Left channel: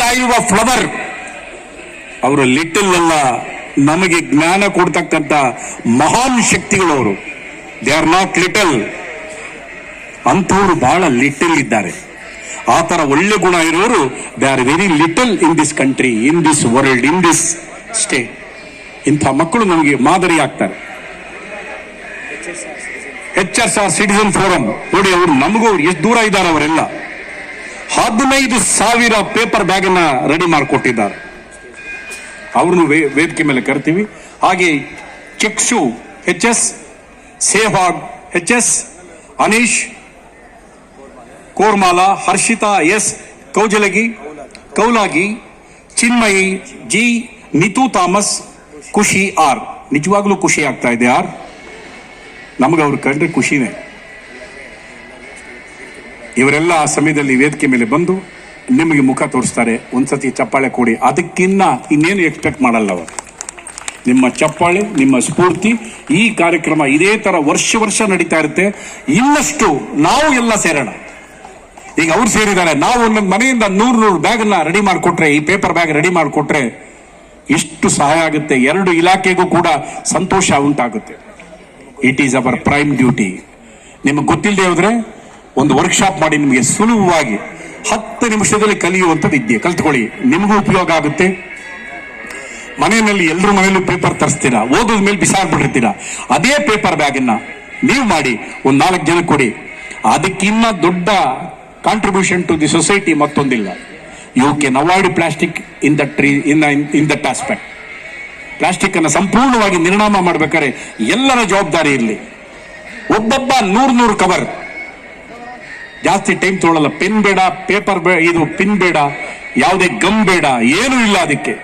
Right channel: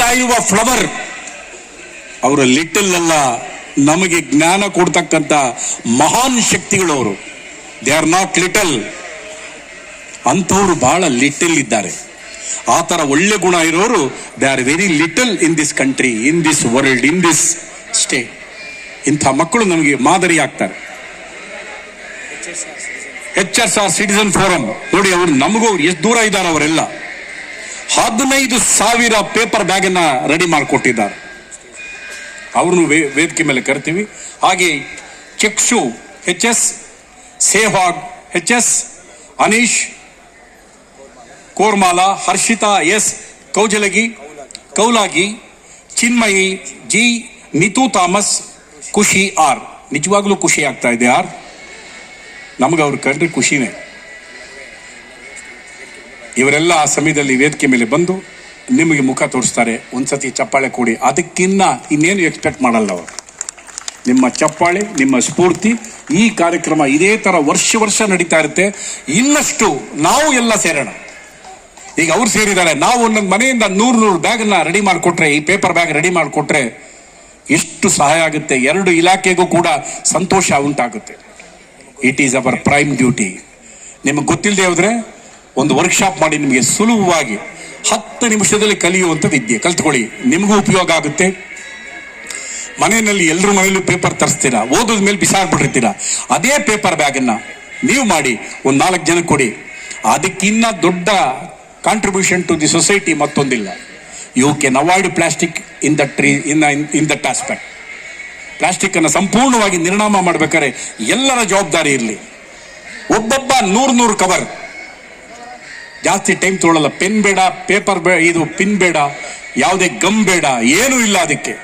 ತಾಯುವ flower ಅವರು little ಅಲ್ಲ, ನಮಗೆ ಜ್ಞಾನ ಕೊಡ್ತಕ್ಕಂಥ ಮಹಾನ್ ಶಕ್ತಿಗಳು ಅವರು. They are not little. ಅಂಥವ್ರು ಬಹಳ ಲಿಟಲ್ ಇದ್ದಾರೆ. ಆ ತರ ಒಳ್ಳೆ ಗುಣ ಇರೋರು they are very little in this country, in this world, in this state. ಇಂಥ ಮಕ್ಕಳು ನಮಗೆ ಮಾದರಿ ಆಗ್ತಾರೆ. HSR ಸಿಟಿಸನ್ ಫೋರಂ ನೋಡಿ, ಅವರು ನಮಗೂ ಎಷ್ಟು ದೂರ ಇದ್ದಾರೆ. ಅವರೆಲ್ಲ 15,000 ಪೇಪರ್ ಬ್ಯಾಗ್ ಅನ್ನ ರೆಡಿ ಮಾಡಿಕೊಟ್ಟಿದ್ದಾರೆ. ಅವ್ರನ್ನು ವೇದಿಕೆ ಮೇಲೆ ಕರ್ತೀವಿ. ಹಾಗೆ Chakshu HS, Sevag HS, Aneesh Kormala, Harshita S, Kaulagi, Chinmayi G, Nitu Thomas, Khushi R. ನಿಜವಾಗ್ಲೂ ಖುಷಿ ಆಗ್ತಾ ಇದೆ ಆರ್. ನಮಗೆ ಅವ್ರು ಕಂಡ್ರೆ ಖುಷಿನೇ. ಇವರೆಲ್ಲ ಆ ಸಮಯದಲ್ಲಿ ವೇದಿಕೆ ಮೇಲೆ ಬಂದು ನಿಮಗೆ ಮುಖ ತೋರಿಸ್ತಾರೆ. ಒಂದ್ಸತಿ ಚಪ್ಪಾಳೆ ಕೊಡಿ. ಅದಕ್ಕಿನ್ನ ಇನ್ನೇನು ಎಕ್ಸ್ಪೆಕ್ಟ್ ಮಾಡಲ್ಲ ಅವರು. ನಿಮ್ಮ ಚಪ್ಪಾಳೆ, ನಿಮ್ಮ ಸ್ಫೂರ್ತಿ. ಈ ಕಾರ್ಯಕ್ರಮ ಇದೇ ತರ ವರ್ಷ ನಡೀತಾ ಇರುತ್ತೆ. ಇನ್ನಷ್ಟು ನಾವು ಎಲ್ಲ ಸೇರೋಣ. ಈಗ ಅವ್ರು ಸೇರಿದ್ದಾರೆ, ನಾವು ಒಂದೊಂದು ಮನೆಯಿಂದ 100 ಬ್ಯಾಗ್ ಅನ್ನ ರೆಡಿ ಮಾಡಿಕೊಟ್ರೆ, ಈ ಪೇಪರ್ ಬ್ಯಾಗ್ ರೆಡಿ ಮಾಡಿಕೊಟ್ರೆ ಎಷ್ಟು ಸಹಾಯ ಆಗುತ್ತೆ. 2 ಇಲಾಖೆಗೂ ಕೂಡ ಸಂತೋಷ ಉಂಟಾಗುತ್ತೆ. It is our prime duty. ನಿಮಗೆ ಗೊತ್ತಿಲ್ಲದೆ ಹೋದ್ರೆ ಒಂದು ವರ್ಕ್ಶಾಪ್ ಮಾಡಿ ನಿಮಗೆ ಸುಲಭವಾಗಿ 10 ನಿಮಿಷದಲ್ಲಿ ಕಲಿಯುವಂಥದ್ದು ಇದ್ದೆ ಕಲ್ತ್ಕೊಳ್ಳಿ. ನಿಮಗೂ ಉಪಯೋಗ ಆಗುತ್ತೆ. ಮನೆಯಲ್ಲಿ ಎಲ್ಲರ ಮನೆಯಲ್ಲೂ ಪೇಪರ್ ತರಿಸ್ತೀರಾ, ಓದೋದ ಮೇಲೆ ಬಿಸಾಡ್ಬಿಟ್ಟಿರ್ತೀರಾ. ಅದೇ ಪೇಪರ್ ಬ್ಯಾಗ್ ಅನ್ನ ನೀವು ಮಾಡಿ ಒಂದು 4 ಜನ ಕೊಡಿ. ಅದಕ್ಕಿನ್ನ ದೊಡ್ಡ ಕಾಂಟ್ರಿಬ್ಯೂಷನ್ ಟು ದಿ ಸೊಸೈಟಿ ಮತ್ತೊಂದಿಲ್ಲ. You can avoid plastic in that aspect. Plastic ಅನ್ನು ಸಂಪೂರ್ಣವಾಗಿ ನಿರ್ನಾಮ ಮಾಡಬೇಕಾದ್ರೆ ಎಲ್ಲರ ಜವಾಬ್ದಾರಿ ಇರಲಿ. ಒಬ್ಬೊಬ್ಬ 100 ಕವರ್. ಜಾಸ್ತಿ ಟೈಮ್ ತೊಗೊಳ್ಳಲ್ಲ. ಪೆನ್ ಬೇಡ, ಪೇಪರ್ ಇದು ಪಿನ್ ಬೇಡ, ಯಾವುದೇ ಗಮ್ ಬೇಡ, ಏನೂ ಇಲ್ಲ. ಅದಕ್ಕೆ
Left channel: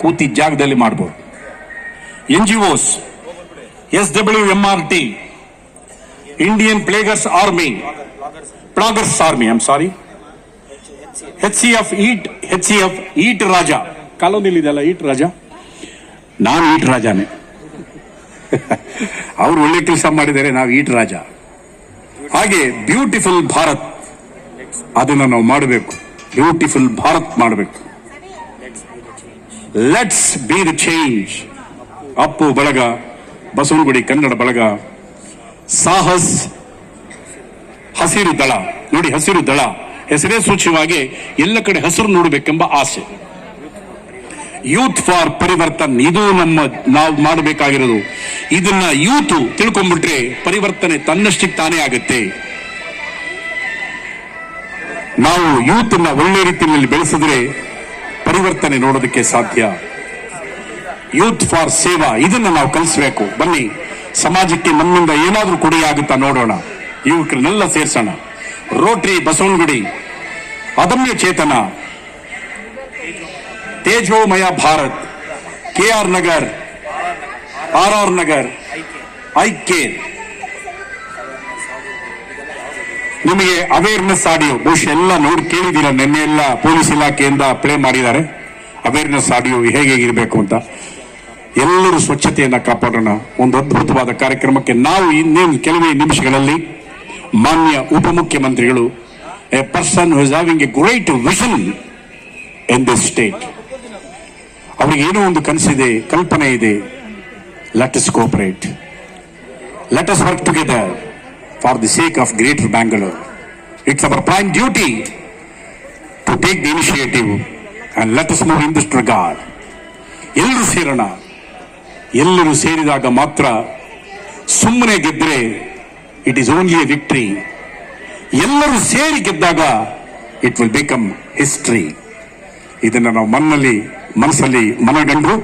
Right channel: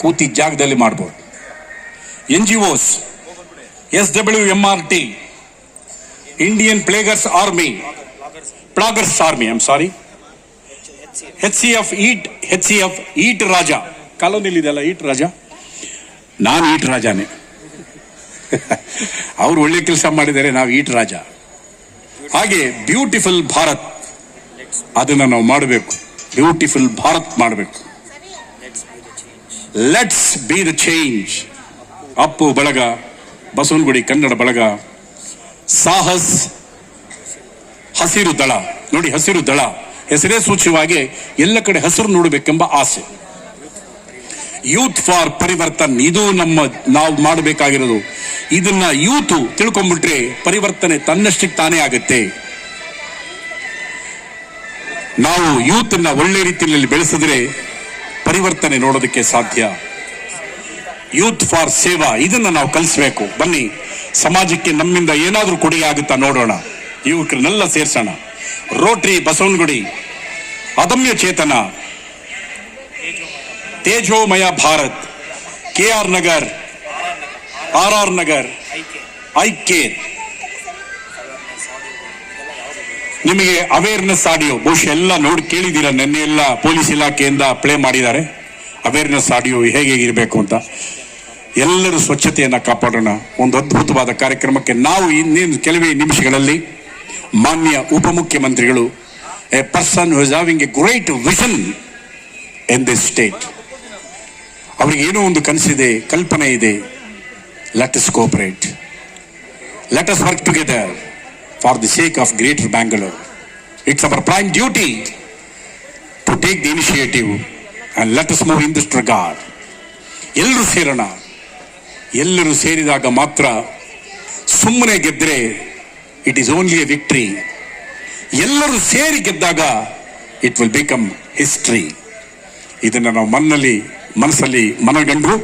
ಕೂತಿ ಜಾಗದಲ್ಲಿ ಮಾಡಬಹುದು. NGOs, SWMRT, Indian ploggers army, HCF, eat Raja ಕಾಲೋನಿಲಿ ಇದೆಲ್ಲ. ಈಟ್ ರಾಜ, ನಾನು ಈಟ್ ರಾಜಾನೆ. ಅವರು ಒಳ್ಳೆ ಕೆಲಸ ಮಾಡಿದ್ದಾರೆ, ನಾವು ಈಟ್ ರಾಜ. ಹಾಗೆ ಬ್ಯೂಟಿಫುಲ್ ಭಾರತ್, ಅದನ್ನು ನಾವು ಮಾಡಬೇಕು. ಬ್ಯೂಟಿಫುಲ್ ಭಾರತ್ ಮಾಡಬೇಕು. Let's be the change. Appu ಬಳಗ, ಬಸವನಗುಡಿ ಕನ್ನಡ ಬಳಗ, ಸಾಹಸ್, ಹಸಿರು ದಳ. ನೋಡಿ, ಹಸಿರು ದಳ ಹೆಸರೇ ಸೂಚ್ಯವಾಗಿ ಎಲ್ಲ ಕಡೆ ಹಸಿರು ನೋಡಬೇಕೆಂಬ ಆಸೆ. ಯೂತ್ ಫಾರ್ ಪರಿವರ್ತನ್, ಇದು ನಾವು ಮಾಡಬೇಕಾಗಿರೋದು. ಇದನ್ನ ಯೂತ್ ತಿಳ್ಕೊಂಡ್ಬಿಟ್ರೆ ಪರಿವರ್ತನೆ ತನ್ನಷ್ಟಕ್ಕೆ ತಾನೇ ಆಗುತ್ತೆ. ನಾವು ಯೂತ್ ಅನ್ನ ಒಳ್ಳೆ ರೀತಿಯಲ್ಲಿ ಬೆಳೆಸಿದ್ರೆ ಪರಿವರ್ತನೆ ನೋಡೋದಕ್ಕೆ ಸಾಧ್ಯ. ಯೂತ್ ಫಾರ್ ಸೇವಾ, ಇದನ್ನ ನಾವು ಕಲಿಸಬೇಕು. ಬನ್ನಿ, ಸಮಾಜಕ್ಕೆ ನಮ್ಮಿಂದ ಏನಾದ್ರೂ ಕೊಡುಗೆ ಆಗುತ್ತಾ ನೋಡೋಣ. ಯುವಕರನ್ನೆಲ್ಲ ಸೇರ್ಸೋಣ. Rotary Basavanagudi, Adamya Chetana, ತೇಜೋಮಯ Bharat, KR Nagar, RR Nagar, ಐಕ್ಯ. ನಿಮಗೆ ಅವೇರ್ನೆಸ್ ಆಡಿಯೋ ಬಹುಶಃ ಎಲ್ಲ ನೋಡಿ ಕೇಳಿದ್ದೀರಾ. ನಿನ್ನೆ ಎಲ್ಲ ಪೊಲೀಸ್ ಇಲಾಖೆಯಿಂದ ಪ್ಲೇ ಮಾಡಿದ್ದಾರೆ ಅವೇರ್ನೆಸ್ ಆಡಿಯೋ ಹೇಗೆ ಇರಬೇಕು ಅಂತ. ಎಲ್ಲರೂ ಸ್ವಚ್ಛತೆಯನ್ನ ಕಾಪಾಡೋಣ. ಒಂದು ಅದ್ಭುತವಾದ ಕಾರ್ಯಕ್ರಮಕ್ಕೆ ನಾವು ಇನ್ನೇನು ಕೆಲವೇ ನಿಮಿಷಗಳಲ್ಲಿ ಮಾನ್ಯ ಉಪಮುಖ್ಯಮಂತ್ರಿಗಳು, a person who is having a great vision in this state, ಅವರಿಗೆ ಏನೋ ಒಂದು ಕನಸಿದೆ, ಕಲ್ಪನೆ ಇದೆ. Let us cooperate, let us work together for the sake of greater Bangalore. It's our prime duty to take the initiative and let us move in this regard. ಎಲ್ಲರೂ ಸೇರೋಣ. ಎಲ್ಲರೂ ಸೇರಿದಾಗ ಮಾತ್ರ. ಸುಮ್ಮನೆ ಗೆದ್ರೆ it is only a victory. ಎಲ್ಲರೂ ಸೇರಿ ಗೆದ್ದಾಗ ಇಟ್ ವಿಲ್ ಬಿಕಮ್ ಹಿಸ್ಟ್ರಿ. ಇದನ್ನ ನಾವು ಮನಸ್ಸಲ್ಲಿ ಮನಗಂಡು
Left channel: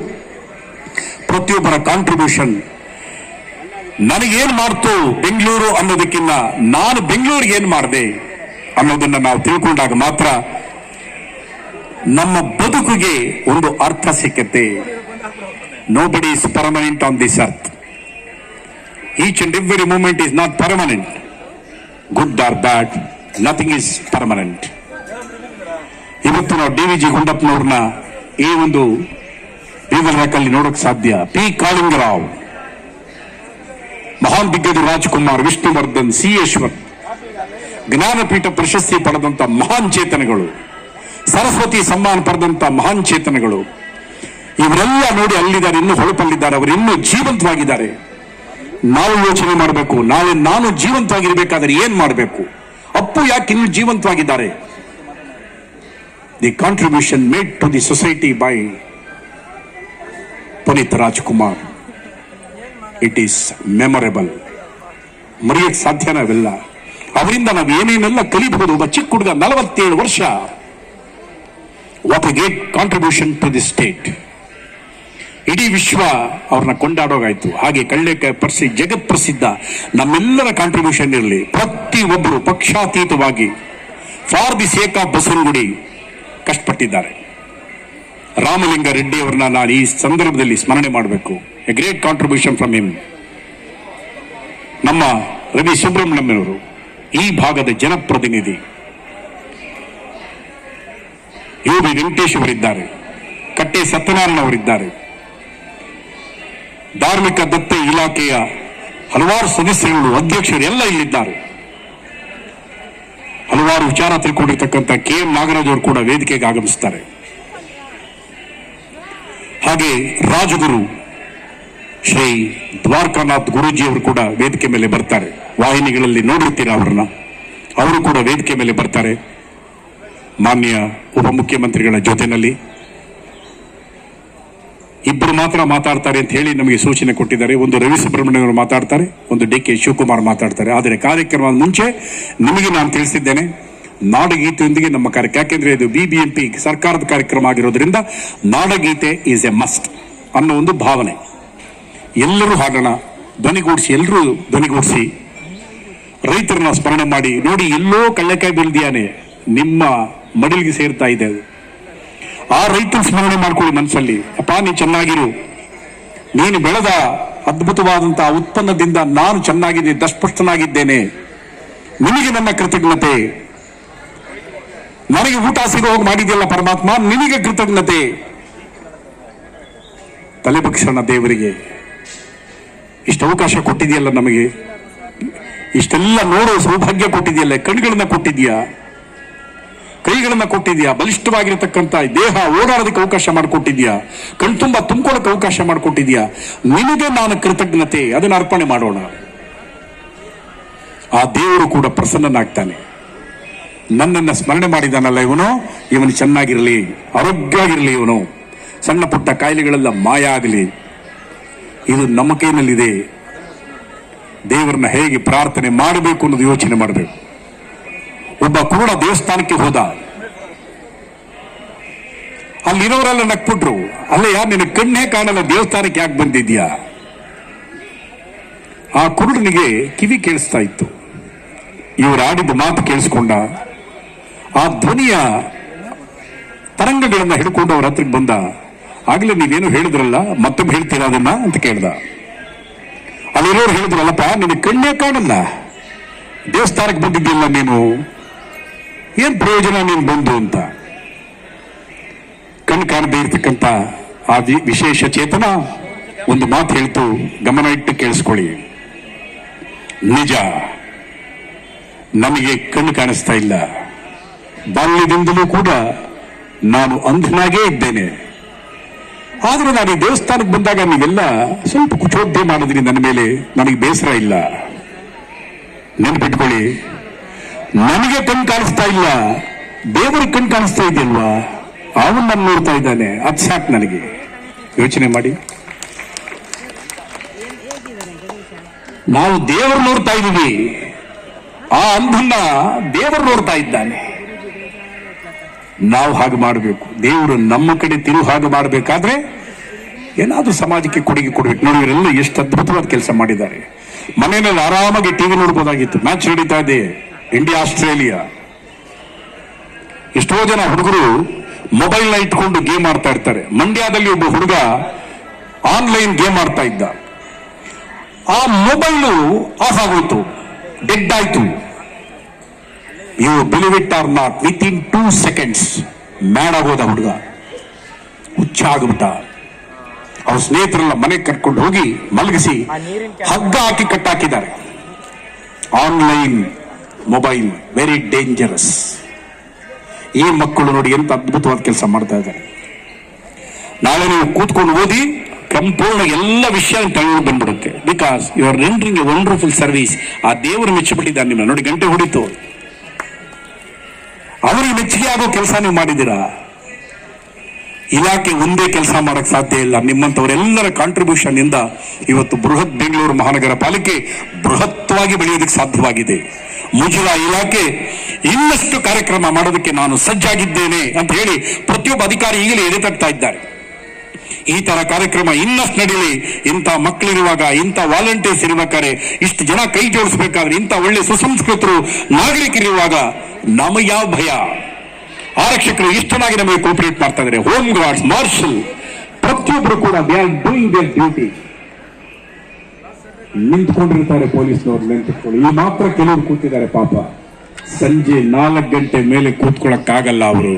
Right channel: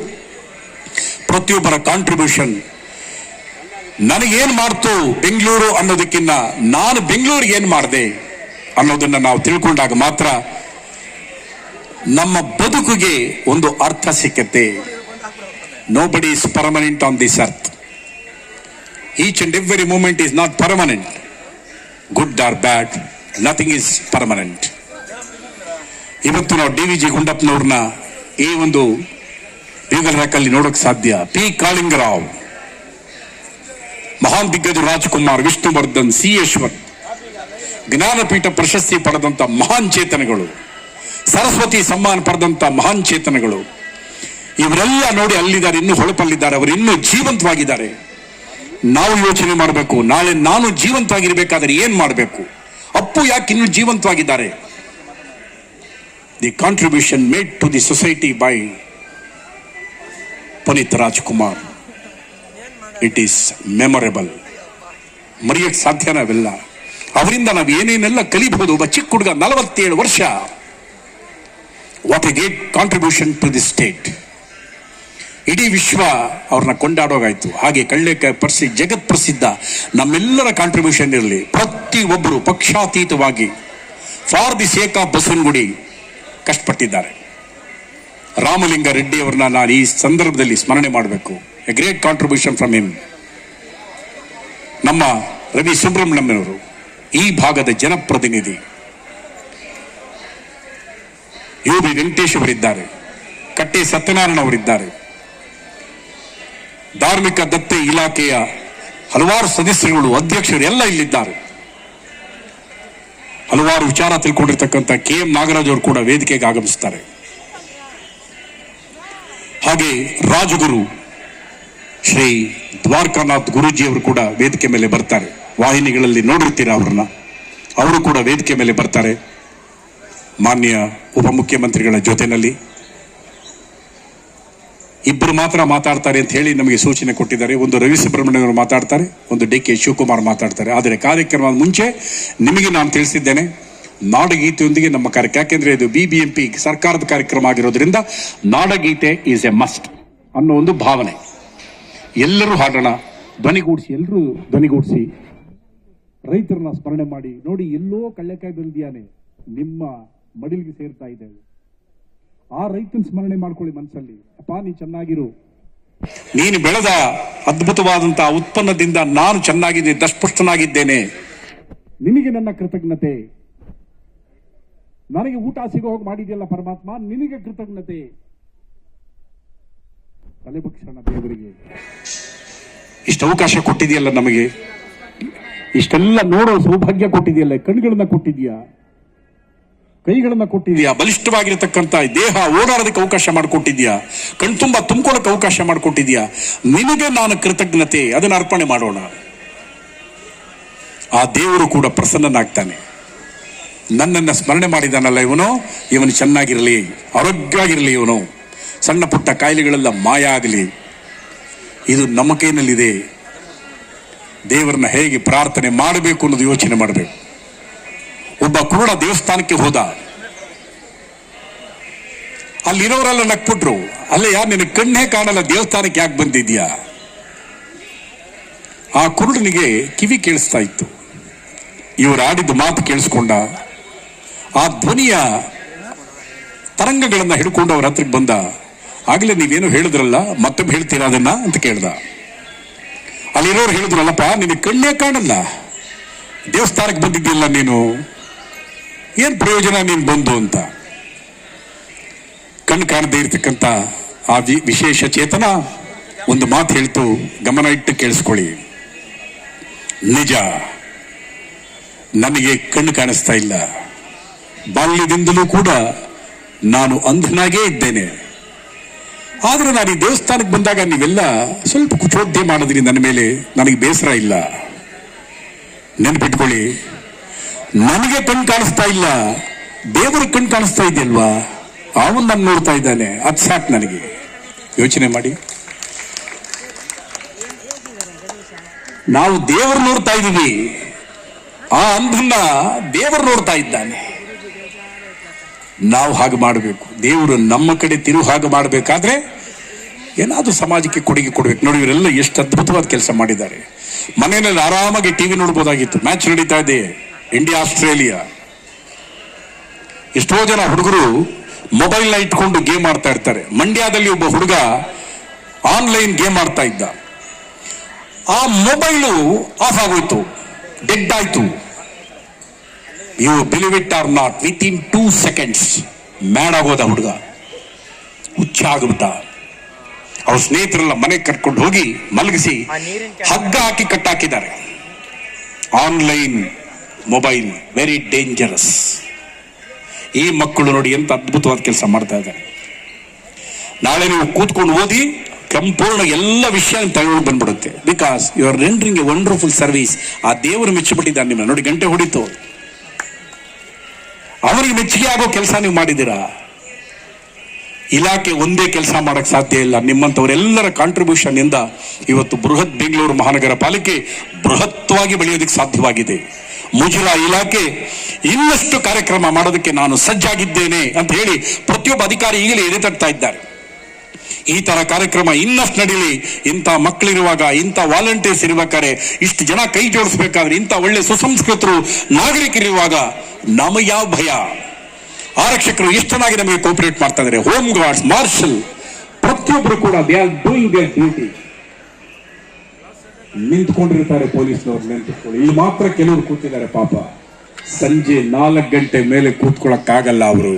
ಪ್ರತಿಯೊಬ್ಬರ ಕಾಂಟ್ರಿಬ್ಯೂಷನ್, ನನಗೇನು ಮಾಡ್ತು ಬೆಂಗಳೂರು ಅನ್ನೋದಕ್ಕಿಂತ ನಾನು ಬೆಂಗಳೂರಿಗೆ ಏನು ಮಾಡಿದೆ ಅನ್ನೋದನ್ನ ನಾವು ತಿಳ್ಕೊಂಡಾಗ ಮಾತ್ರ ನಮ್ಮ ಬದುಕಿಗೆ ಒಂದು ಅರ್ಥ ಸಿಕ್ಕತ್ತೆ. Nobody is permanent on this earth. Each and every moment is not permanent. Good or bad, nothing is permanent. ಇವತ್ತು ನಾವು DVG ಗುಂಡಪ್ಪನವ್ರನ್ನ ಈ ಒಂದು ಬೀದರ್ನಲ್ಲಿ ನೋಡೋಕೆ ಸಾಧ್ಯ. P. ಕಾಳಿಂಗರಾವ್, ಮಹಾನ್ ದಿಗ್ಗಜ ರಾಜ್ಕುಮಾರ್, ವಿಷ್ಣುವರ್ಧನ್, C. ಯಶವಂತ್, ಜ್ಞಾನಪೀಠ ಪ್ರಶಸ್ತಿ ಪಡೆದಂತ ಮಹಾನ್ ಚೇತನಗಳು. ಸರಸ್ವತಿ ಸಮ್ಮಾನ ಪಡೆದಂತ ಮಹಾನ್ ಚೇತನಗಳು ಇವರೆಲ್ಲ ನೋಡಿ ಅಲ್ಲಿದ್ದಾರೆ, ಇನ್ನೂ ಹೊಳಪಲ್ಲಿದ್ದಾರೆ, ಅವರು ಇನ್ನೂ ಜೀವಂತವಾಗಿದ್ದಾರೆ. ನಾವು ಯೋಚನೆ ಮಾಡಬೇಕು, ನಾಳೆ ನಾನು ಜೀವಂತವಾಗಿರ್ಬೇಕಾದ್ರೆ ಏನ್ ಮಾಡಬೇಕು? ಅಪ್ಪು ಯಾಕೆ ಇನ್ನೂ ಜೀವಂತವಾಗಿದ್ದಾರೆ? The contribution made to the society by Puneeth Rajkumar, it is memorable. ಮರೆಯಕ್ಕೆ ಸಾಧ್ಯನ ಅವೆಲ್ಲ. ಅವರಿಂದ ನಾವು ಏನೇನೆಲ್ಲ ಕಲಿಬಹುದು. ಒಬ್ಬ ಚಿಕ್ಕ ಹುಡುಗ 47 ವರ್ಷ, what a great contribution to the state. ಇಡೀ ವಿಶ್ವ ಅವ್ರನ್ನ ಕೊಂಡಾಡೋಗಾಯ್ತು. ಹಾಗೆ ಕಳ್ಳೆಕಾಯಿ ಜಗತ್ ಪ್ರಸಿದ್ಧ ನಮ್ಮೆಲ್ಲರ ಕಾಂಟ್ರಿಬ್ಯೂಷನ್ ಇರಲಿ. ಪ್ರತಿಯೊಬ್ಬರು ಪಕ್ಷಾತೀತವಾಗಿ for the sake of Basavanagudi ಕಷ್ಟಪಟ್ಟಿದ್ದಾರೆ. ರಾಮಲಿಂಗ ರೆಡ್ಡಿ ಅವರನ್ನ ನಾನು ಈ ಸಂದರ್ಭದಲ್ಲಿ ಸ್ಮರಣೆ ಮಾಡಬೇಕು. A great contribution from him. ನಮ್ಮ ರವಿ ಸುಬ್ರಹ್ಮಣ್ಯವರು ಈ ಭಾಗದ ಜನಪ್ರತಿನಿಧಿ. ಯು ಬಿ ವೆಂಕಟೇಶ್ ಅವರಿದ್ದಾರೆ, ಕಟ್ಟೆ ಸತ್ಯನಾರಾಯಣ ಅವರಿದ್ದಾರೆ, ಧಾರ್ಮಿಕ ದತ್ತೆ ಇಲಾಖೆಯ ಹಲವಾರು ಸದಸ್ಯರುಗಳು, ಅಧ್ಯಕ್ಷರು ಎಲ್ಲ ಇಲ್ಲಿದ್ದಾರೆ. ಹಲವಾರು ವಿಚಾರ ತಿಳ್ಕೊಂಡಿರ್ತಕ್ಕಂಥ KM ನಾಗರಾಜ್ ಅವರು ಕೂಡ ವೇದಿಕೆಗೆ ಆಗಮಿಸ್ತಾರೆ. ಹಾಗೆ ರಾಜಗುರು ಶ್ರೀ ದ್ವಾರಕಾನಾಥ್ ಗುರೂಜಿ ಅವರು ಕೂಡ ವೇದಿಕೆ ಮೇಲೆ ಬರ್ತಾರೆ. ವಾಹಿನಿಗಳಲ್ಲಿ ನೋಡಿರ್ತೀರಾ ಅವರನ್ನ, ಅವರು ಕೂಡ ವೇದಿಕೆ ಮೇಲೆ ಬರ್ತಾರೆ. ಮಾನ್ಯ ಉಪಮುಖ್ಯಮಂತ್ರಿಗಳ ಜೊತೆನಲ್ಲಿ ಇಬ್ಬರು ಮಾತ್ರ ಮಾತಾಡ್ತಾರೆ ಅಂತ ಹೇಳಿ ನಮಗೆ ಸೂಚನೆ ಕೊಟ್ಟಿದ್ದಾರೆ. ಒಂದು ರವಿ ಸುಬ್ರಹ್ಮಣ್ಯ ಅವರು ಮಾತಾಡ್ತಾರೆ, ಒಂದು DK ಶಿವಕುಮಾರ್ ಮಾತಾಡ್ತಾರೆ. ಆದರೆ ಕಾರ್ಯಕ್ರಮದ ಮುಂಚೆ ನಿಮಗೆ ನಾನು ತಿಳಿಸಿದ್ದೇನೆ, ನಾಡಗೀತೆಯೊಂದಿಗೆ ನಮ್ಮ ಕಾರ್ಯಕ್ರಮ, ಯಾಕೆಂದ್ರೆ ಇದು BBMP ಸರ್ಕಾರದ ಕಾರ್ಯಕ್ರಮ ಆಗಿರೋದ್ರಿಂದ ನಾಡಗೀತೆ ಈಸ್ ಎ ಮಸ್ಟ್ ಅನ್ನೋ ಒಂದು ಭಾವನೆ. ಎಲ್ಲರೂ ಹಾಡೋಣ, ಧ್ವನಿಗೂಡಿಸಿ, ಎಲ್ಲರೂ ಧ್ವನಿಗೂಡಿಸಿ ರೈತರನ್ನ ಸ್ಮರಣೆ ಮಾಡಿ. ನೋಡಿ, ಎಲ್ಲೋ ಕಳ್ಳೆಕಾಯಿ ಬೆಳೆದಿಯಾನೆ ನಿಮ್ಮ ಮಡಿಲಿಗೆ ಸೇರ್ತಾ ಇದೆ. ಆ ರೈತನ ಸ್ಮರಣೆ ಮಾಡ್ಕೊಳ್ಳಿ ಮನಸ್ಸಲ್ಲಿ. ಅಪ್ಪ, ನೀನು ಚೆನ್ನಾಗಿರು, ನೀನು ಬೆಳೆದ ಅದ್ಭುತವಾದಂತಹ ಉತ್ಪನ್ನದಿಂದ ನಾನು ಚೆನ್ನಾಗಿದ್ದೆ, ದಸ್ಪಷ್ಟನಾಗಿದ್ದೇನೆ, ನಿನಗೆ ನನ್ನ ಕೃತಜ್ಞತೆ. ನನಗೆ ಊಟ ಸಿಗೋ ಹೋಗಿ ಮಾಡಿದೆಯಲ್ಲ ಪರಮಾತ್ಮ, ನಿನಗೆ ಕೃತಜ್ಞತೆ. ತಲೆಬಕ್ಷಣ ದೇವರಿಗೆ ಇಷ್ಟು ಅವಕಾಶ ಕೊಟ್ಟಿದೆಯಲ್ಲ, ನಮಗೆ ಇಷ್ಟೆಲ್ಲ ನೋಡೋ ಸೌಭಾಗ್ಯ ಕೊಟ್ಟಿದೆಯಲ್ಲ, ಕಣ್ಗಳನ್ನ ಕೊಟ್ಟಿದ್ಯಾ, ಕೈಗಳನ್ನ ಕೊಟ್ಟಿದ್ಯಾ, ಬಲಿಷ್ಠವಾಗಿರತಕ್ಕಂಥ ದೇಹ ಓಡಾಡೋದಕ್ಕೆ ಅವಕಾಶ ಮಾಡಿಕೊಟ್ಟಿದ್ಯಾ, ಕಣ್ತುಂಬ ತುಂಬಿಕೊಳ್ಳೋಕೆ ಅವಕಾಶ ಮಾಡಿಕೊಟ್ಟಿದ್ಯಾ. ನಿನಗೆ ನಾನು ಕೃತಜ್ಞತೆ, ಅದನ್ನು ಅರ್ಪಣೆ ಮಾಡೋಣ. ಆ ದೇವರು ಕೂಡ ಪ್ರಸನ್ನನಾಗ್ತಾನೆ. ನನ್ನನ್ನು ಸ್ಮರಣೆ ಮಾಡಿದಾನಲ್ಲ ಇವನು ಚೆನ್ನಾಗಿರಲಿ, ಆರೋಗ್ಯವಾಗಿರಲಿ, ಇವನು ಸಣ್ಣ ಪುಟ್ಟ ಕಾಯಿಲೆಗಳೆಲ್ಲ ಮಾಯ ಆಗಲಿ. ಇದು ನಮ್ಮ ಕೈನಲ್ಲಿದೆ. ದೇವರನ್ನ ಹೇಗೆ ಪ್ರಾರ್ಥನೆ ಮಾಡಬೇಕು ಅನ್ನೋದು ಯೋಚನೆ ಮಾಡಬೇಕು. ಒಬ್ಬ ಕೂಡ ದೇವಸ್ಥಾನಕ್ಕೆ ಹೋದ, ಅಲ್ಲಿರೋರೆಲ್ಲ ನಕ್ಬಿಟ್ರು. ಅಲ್ಲಯ್ಯ, ನಿನ್ನ ಕಣ್ಣೇ ಕಾಣಲ್ಲ, ದೇವಸ್ಥಾನಕ್ಕೆ ಯಾಕೆ ಬಂದಿದ್ಯಾ? ಆ ಕುರುಡನಿಗೆ ಕಿವಿ ಕೇಳಿಸ್ತಾ ಇತ್ತು. ಇವರು ಆಡಿದ ಮಾತು ಕೇಳಿಸ್ಕೊಂಡ. ಆ ಧ್ವನಿಯ ತರಂಗಗಳನ್ನ ಹಿಡ್ಕೊಂಡು ಅವ್ರ ಹತ್ರಕ್ಕೆ ಬಂದ. ಆಗ್ಲೇ ನೀವೇನು ಹೇಳಿದ್ರಲ್ಲ, ಮತ್ತೊಬ್ಬ ಹೇಳ್ತೀರಾ ಅದನ್ನ ಅಂತ ಕೇಳ್ದ. ಅಲ್ಲಿರೋರು ಹೇಳಿದ್ರಲ್ಲಪ್ಪ, ನಿನ್ನ ಕಣ್ಣೇ ಕಾಣಲ್ಲ, ದೇವಸ್ಥಾನಕ್ಕೆ ಬಂದಿದ್ದಿಲ್ಲ, ನೀನು ಏನ್ ಪ್ರಯೋಜನ ನೀನು ಬಂದು ಅಂತ. ಕಣ್ಣು ಕಾಣದೇ ಇರ್ತಕ್ಕಂಥ ಆ ವಿಶೇಷ ಚೇತನ ಒಂದು ಮಾತು ಹೇಳ್ತು, ಗಮನ ಇಟ್ಟು ಕೇಳಿಸ್ಕೊಳ್ಳಿ. ನಿಜ, ನನಗೆ ಕಣ್ಣು ಕಾಣಿಸ್ತಾ ಇಲ್ಲ, ಬಾಲ್ಯದಿಂದಲೂ ಕೂಡ ನಾನು ಅಂಧನಾಗೇ ಇದ್ದೇನೆ. ಆದರೂ ನಾನು ಈ ದೇವಸ್ಥಾನಕ್ಕೆ ಬಂದಾಗ ನೀವೆಲ್ಲ ಸ್ವಲ್ಪ ಕುಚೋದ್ಯ ಮಾಡಿದ್ರಿ ನನ್ನ ಮೇಲೆ, ನನಗೆ ಬೇಸರ ಇಲ್ಲ. ನೆನಪಿಟ್ಕೊಳ್ಳಿ, ನನಗೆ ಕಣ್ಣು ಕಾಣಿಸ್ತಾ ಇಲ್ಲ, ದೇವರಿಗೆ ಕಣ್ಣು ಕಾಣಿಸ್ತಾ ಇದೆಯಲ್ವಾ, ಅವನು ನಾನು ನೋಡ್ತಾ ಇದ್ದಾನೆ. ಅದು ಸಾಕು ನನಗೆ. ಯೋಚನೆ ಮಾಡಿ, ನಾವು ದೇವರು ನೋಡ್ತಾ ಇದ್ದೀವಿ, ಆ ಅಂಧನ್ನ ದೇವರು ನೋಡ್ತಾ ಇದ್ದಾನೆ. ನಾವು ಹಾಗೆ ಮಾಡಬೇಕು. ದೇವರು ನಮ್ಮ ಕಡೆ ತಿರುವು ಹಾಗೆ ಮಾಡಬೇಕಾದ್ರೆ ಏನಾದ್ರೂ ಸಮಾಜಕ್ಕೆ ಕೊಡುಗೆ ಕೊಡ್ಬೇಕು. ನೋಡಿ, ಇವರೆಲ್ಲ ಎಷ್ಟು ಅದ್ಭುತವಾದ ಕೆಲಸ ಮಾಡಿದ್ದಾರೆ. ಮನೆಯಲ್ಲಿ ಆರಾಮಾಗಿ TV ನೋಡ್ಬೋದಾಗಿತ್ತು. ಮ್ಯಾಚ್ ನಡೀತಾ ಇದೆ, ಇಂಡಿಯಾ ಆಸ್ಟ್ರೇಲಿಯಾ. ಎಷ್ಟೋ ಜನ ಹುಡುಗರು ಮೊಬೈಲ್ ನ ಇಟ್ಕೊಂಡು ಗೇಮ್ ಆಡ್ತಾ ಇರ್ತಾರೆ. ಮಂಡ್ಯದಲ್ಲಿ ಒಬ್ಬ ಹುಡುಗ ಆನ್ಲೈನ್ ಗೇಮ್ ಆಡ್ತಾ ಇದ್ದ. ಆ ಮೊಬೈಲು ಆಫ್ ಆಗೋಯ್ತು, ಡೆಡ್ ಆಯ್ತು. You believe it or not, within 2 seconds mad ಆಗೋದ ಹುಡುಗ, ಹುಚ್ಚ ಆಗ್ಬಿಟ್ಟ. ಅವ್ರ ಸ್ನೇಹಿತರೆಲ್ಲ ಮನೆಗೆ ಕರ್ಕೊಂಡು ಹೋಗಿ ಮಲಗಿಸಿ ಹಗ್ಗ ಹಾಕಿ ಕಟ್ಟಾಕಿದ್ದಾರೆ. Online mobile very dangerous. ಈ ಮಕ್ಕಳು ನೋಡಿ ಎಂತ ಅದ್ಭುತವಾದ ಕೆಲಸ ಮಾಡ್ತಾ ಇದ್ದಾರೆ. ನಾಳೆ ನೀವು ಕೂತ್ಕೊಂಡು ಓದಿ ಸಂಪೂರ್ಣ ಎಲ್ಲ ವಿಷಯ ತಗೊಂಡು ಬಂದ್ಬಿಡುತ್ತೆ. Because you are rendering a wonderful service. ಆ ದೇವರು ಮೆಚ್ಚಿಬಿಟ್ಟಿದ್ದಾನೆ ನಿಮ್ಮ. ನೋಡಿ ಗಂಟೆ ಹೊಡಿತು, ಅವರಿಗೆ ಮೆಚ್ಚುಗೆ ಆಗೋ ಕೆಲಸ ನೀವು ಮಾಡಿದ್ದೀರಾ. ಇಲಾಖೆ ಒಂದೇ ಕೆಲಸ ಮಾಡಕ್ ಸಾಧ್ಯ ಇಲ್ಲ. ನಿಮ್ಮಂತವರೆಲ್ಲರ ಕಾಂಟ್ರಿಬ್ಯೂಷನ್ ಇಂದ ಇವತ್ತು ಬೃಹತ್ ಬೆಂಗಳೂರು ಮಹಾನಗರ ಪಾಲಿಕೆ ಬೃಹತ್ವಾಗಿ ಬೆಳೆಯೋದಕ್ಕೆ ಸಾಧ್ಯವಾಗಿದೆ. ಮುಜರಾ ಇಲಾಖೆ ಇನ್ನಷ್ಟು ಕಾರ್ಯಕ್ರಮ ಮಾಡೋದಕ್ಕೆ ನಾನು ಸಜ್ಜಾಗಿದ್ದೇನೆ ಅಂತ ಹೇಳಿ ಪ್ರತಿಯೊಬ್ಬ ಅಧಿಕಾರಿ ಈಗಲೇ ಎಳೆತಡ್ತಾ ಇದ್ದಾರೆ. ಈ ತರ ಕಾರ್ಯಕ್ರಮ ಇನ್ನಷ್ಟು ನಡೀಲಿ. ಇಂಥ ಮಕ್ಕಳಿರುವಾಗ, ಇಂಥ ವಾಲಂಟಿಯರ್ಸ್ ಇರುವಾಗ, ಇಷ್ಟು ಜನ ಕೈ ಜೋಡಿಸಬೇಕಾದ್ರೆ, ಇಂಥ ಒಳ್ಳೆ ಸುಸಂಸ್ಕೃತರು ನಾಗರಿಕರಿರುವಾಗ ನಮಗೆ ಯಾವ ಭಯ? ಆರಕ್ಷಕರು ಎಷ್ಟು ಚೆನ್ನಾಗಿ ನಮಗೆ ಕೋಪರೇಟ್ ಮಾಡ್ತಾ ಇದ್ದಾರೆ. ಹೋಮ್ ಗಾರ್ಡ್ಸ್, ಮಾರ್ಷಲ್, ಪ್ರತಿಯೊಬ್ಬರು ಕೂಡ they are doing their duty. ನಿಂತ್ಕೊಂಡಿರ್ತಾರೆ ಪೊಲೀಸ್ನವ್ರು, ನಿಂತ್ಕೊಳ್ಳಿ. ಇಲ್ಲಿ ಮಾತ್ರ ಕೆಲವರು ಕೂತಿದ್ದಾರೆ ಪಾಪ. ಸಂಜೆ 4 ಗಂಟೆ ಮೇಲೆ ಕೂತ್ಕೊಳ್ಳಕ್ಕಾಗಲ್ಲ. ಅವರು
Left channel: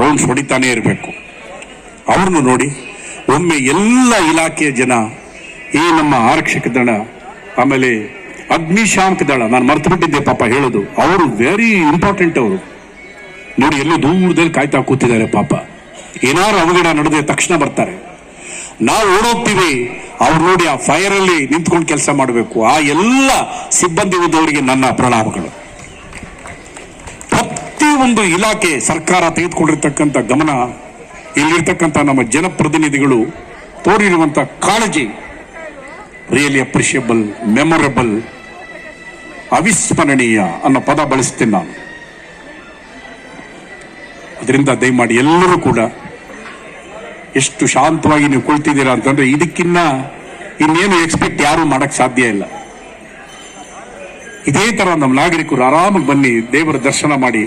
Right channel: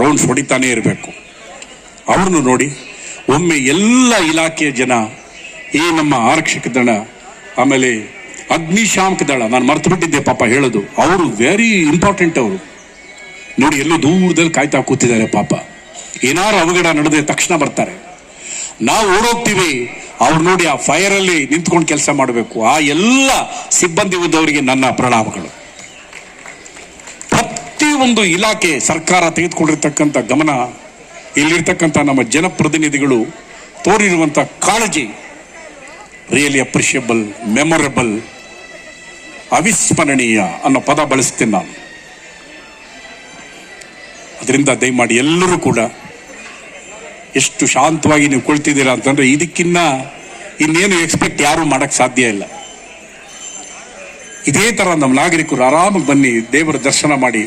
ರೌಂಡ್ಸ್ ಹೊಡಿತಾನೆ ಇರಬೇಕು. ಅವ್ರನ್ನು ನೋಡಿ. ಒಮ್ಮೆ ಎಲ್ಲ ಇಲಾಖೆಯ ಜನ, ಈ ನಮ್ಮ ಆರಕ್ಷಕ ದಳ, ಆಮೇಲೆ ಅಗ್ನಿಶಾಮಕ ದಳ, ನಾನು ಮರ್ತು ಬಿಟ್ಟಿದ್ದೆ ಪಾಪ ಹೇಳೋದು, ಅವರು ವೆರಿ ಇಂಪಾರ್ಟೆಂಟ್. ಅವರು ನೋಡಿ ಎಲ್ಲೋ ದೂರದಲ್ಲಿ ಕಾಯ್ತಾ ಕೂತಿದ್ದಾರೆ ಪಾಪ. ಏನಾರು ಅವಘಡ ನಡೆದ ತಕ್ಷಣ ಬರ್ತಾರೆ. ನಾವು ಓಡೋಗ್ತೀವಿ, ಅವ್ರು ನೋಡಿ ಆ ಫೈರ್ ಅಲ್ಲಿ ನಿಂತ್ಕೊಂಡು ಕೆಲಸ ಮಾಡಬೇಕು. ಆ ಎಲ್ಲ ಸಿಬ್ಬಂದಿ ವರ್ಗದವರಿಗೆ ನನ್ನ ಪ್ರಣಾಮಗಳು. ಪ್ರತಿಯೊಂದು ಇಲಾಖೆ ಸರ್ಕಾರ ತೆಗೆದುಕೊಂಡಿರ್ತಕ್ಕಂಥ ಗಮನ, ಇಲ್ಲಿರ್ತಕ್ಕಂಥ ನಮ್ಮ ಜನಪ್ರತಿನಿಧಿಗಳು ತೋರಿರುವಂತ ಕಾಳಜಿ ರಿಯಲಿ ಅಪ್ರಿಷಿಯಬಲ್, ಮೆಮೊರಬಲ್, ಅವಿಸ್ಮರಣೀಯ ಅನ್ನೋ ಪದ ಬಳಸ್ತೇನೆ ನಾನು. ಅದರಿಂದ ದಯಮಾಡಿ ಎಲ್ಲರೂ ಕೂಡ ಎಷ್ಟು ಶಾಂತವಾಗಿ ನೀವು ಕೊಳ್ತಿದ್ದೀರಾ ಅಂತಂದ್ರೆ ಇದಕ್ಕಿನ್ನ ಇನ್ನೇನು ಎಕ್ಸ್ಪೆಕ್ಟ್ ಯಾರು ಮಾಡಕ್ ಸಾಧ್ಯ ಇಲ್ಲ. ಇದೇ ತರ ನಮ್ಮ ನಾಗರಿಕರು ಆರಾಮಾಗಿ ಬನ್ನಿ, ದೇವರ ದರ್ಶನ ಮಾಡಿ.